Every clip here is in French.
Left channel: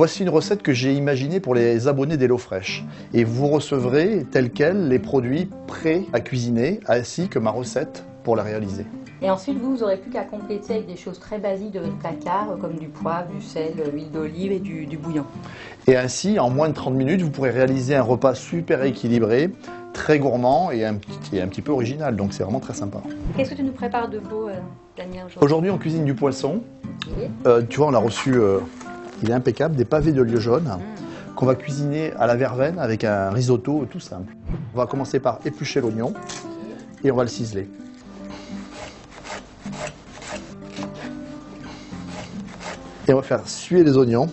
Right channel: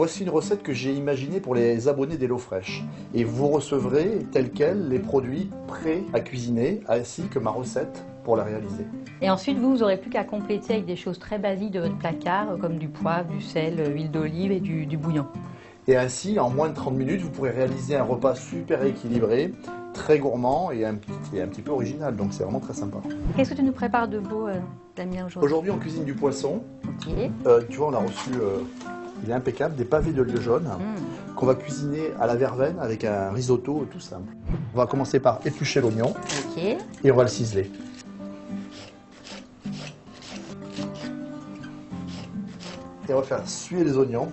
Voici une recette que j'ai imaginée pour les abonnés d'HelloFresh. Et vous recevrez tels quels les produits prêts à cuisiner, ainsi que ma recette pour la réaliser. Et ensuite, vous n'aurez plus qu'à compléter avec des choses très basiques de votre placard, comme du poivre, du sel, l'huile d'olive et du bouillon. Et ainsi, en moins de 30 minutes, vous pourrez réaliser un repas super équilibré, très gourmand et un petit peu original. Donc c'est vraiment très sympa. Qu'est-ce que tu nous prépares de beau, Damien, aujourd'hui? Aujourd'hui, on cuisine du poisson. Oui. Tu vois, on l'a reçu, il est impeccable, des pavés de lieu jaune qu'on va cuisiner à la verveine avec un risotto tout simple. On va commencer par éplucher l'oignon Ok. et on va le ciseler. Et on va faire suer les oignons.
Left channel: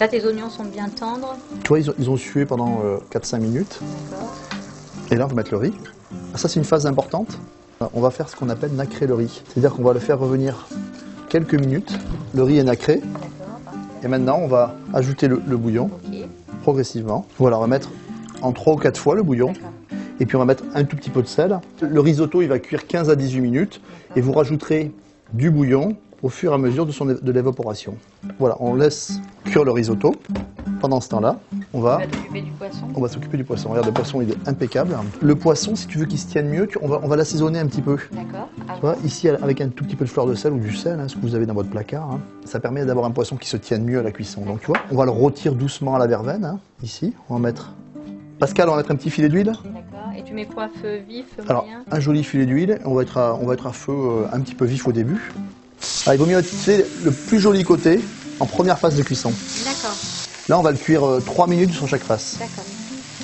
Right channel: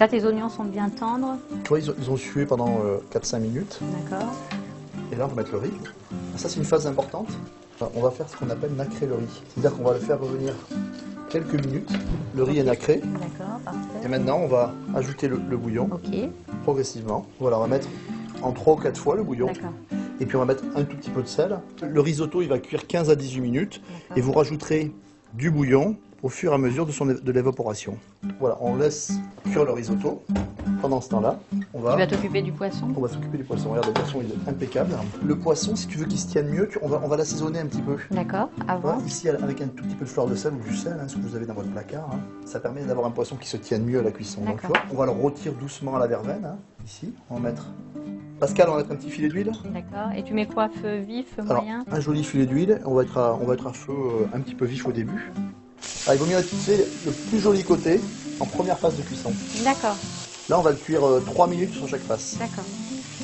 Là, tes oignons sont bien tendres. Tu vois, ils ont sué pendant 4-5 minutes. D'accord. Et là, on va mettre le riz. Ah, ça, c'est une phase importante. On va faire ce qu'on appelle nacrer le riz. C'est-à-dire qu'on va le faire revenir quelques minutes. Le riz est nacré. D'accord, parfait. Et maintenant, on va ajouter le bouillon Ok. progressivement. Voilà, on va mettre en 3 ou 4 fois le bouillon. D'accord. Et puis, on va mettre un tout petit peu de sel. Le risotto, il va cuire 15 à 18 minutes. Et vous rajouterez du bouillon au fur et à mesure de l'évaporation. Voilà, on laisse cuire le risotto. Pendant ce temps-là, on Tu va t'occuper du poisson. s'occuper du poisson. Regarde, le poisson, il est impeccable. Le poisson, si tu veux qu'il se tienne mieux, on va l'assaisonner un petit peu. D'accord. Tu vois, ici, avec un tout petit peu de fleur de sel ou du sel, ce que vous avez dans votre placard, ça permet d'avoir un poisson qui se tienne mieux à la cuisson. Donc, tu vois, on va le rôtir doucement à la verveine, ici. On va mettre... Pascal, on va mettre un petit filet d'huile. D'accord. Et tu mets quoi? Feu vif, feu Alors, moyen? un joli filet d'huile. On va être à feu un petit peu vif au début. Alors, il vaut mieux utiliser le plus joli côté en première phase de cuisson. D'accord. Là, on va le cuire 3 minutes sur chaque face. D'accord.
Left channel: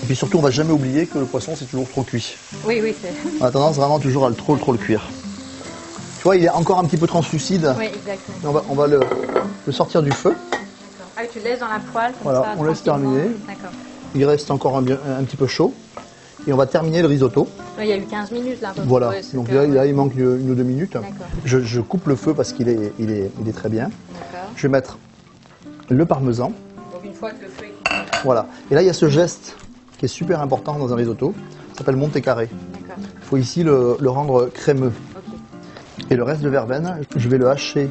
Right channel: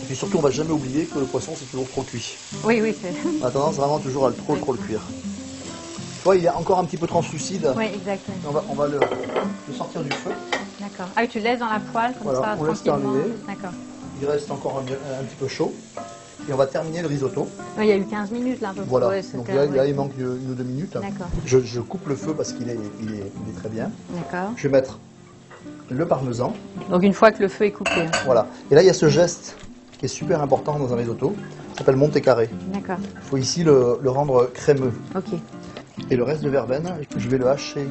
Et puis surtout, on va jamais oublier que le poisson, c'est toujours trop cuit. Oui, oui, c'est... On a tendance vraiment toujours à trop le cuire. Tu vois, il est encore un petit peu translucide. Oui, exactement. On va le sortir du feu. D'accord. Ah, tu le laisses dans la poêle comme Voilà, ça, on laisse tranquillement. terminer. D'accord. Il reste encore un petit peu chaud. Et on va terminer le risotto. Il y a eu 15 minutes là. Voilà. Ouais, Donc c'était- là, il manque 1 ou 2 minutes. D'accord. Je coupe le feu parce qu'il est très bien. D'accord. Je vais mettre le parmesan. Donc une fois que le feu est coupé. Voilà. Et là, il y a ce geste qui est super important dans un risotto. Ça s'appelle monter carré. D'accord. Il faut ici le rendre crémeux. Ok. Et le reste de verveine, je vais le hacher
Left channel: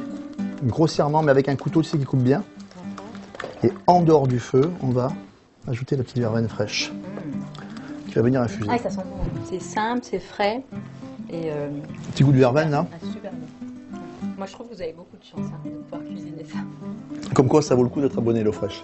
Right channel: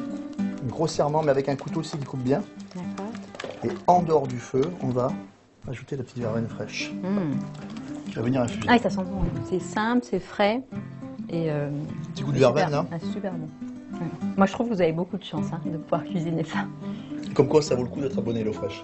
grossièrement, mais avec un couteau qui coupe bien. D'accord. Et en dehors du feu, on va ajouter la petite verveine fraîche qui va venir infuser. Ah, ça sent bon. C'est simple, c'est frais. Et Petit goût de verveine, hein. super bon. Ouais. Moi, je trouve que vous avez beaucoup de chance de pouvoir cuisiner ça. Comme quoi, ça vaut le coup d'être abonné à HelloFresh.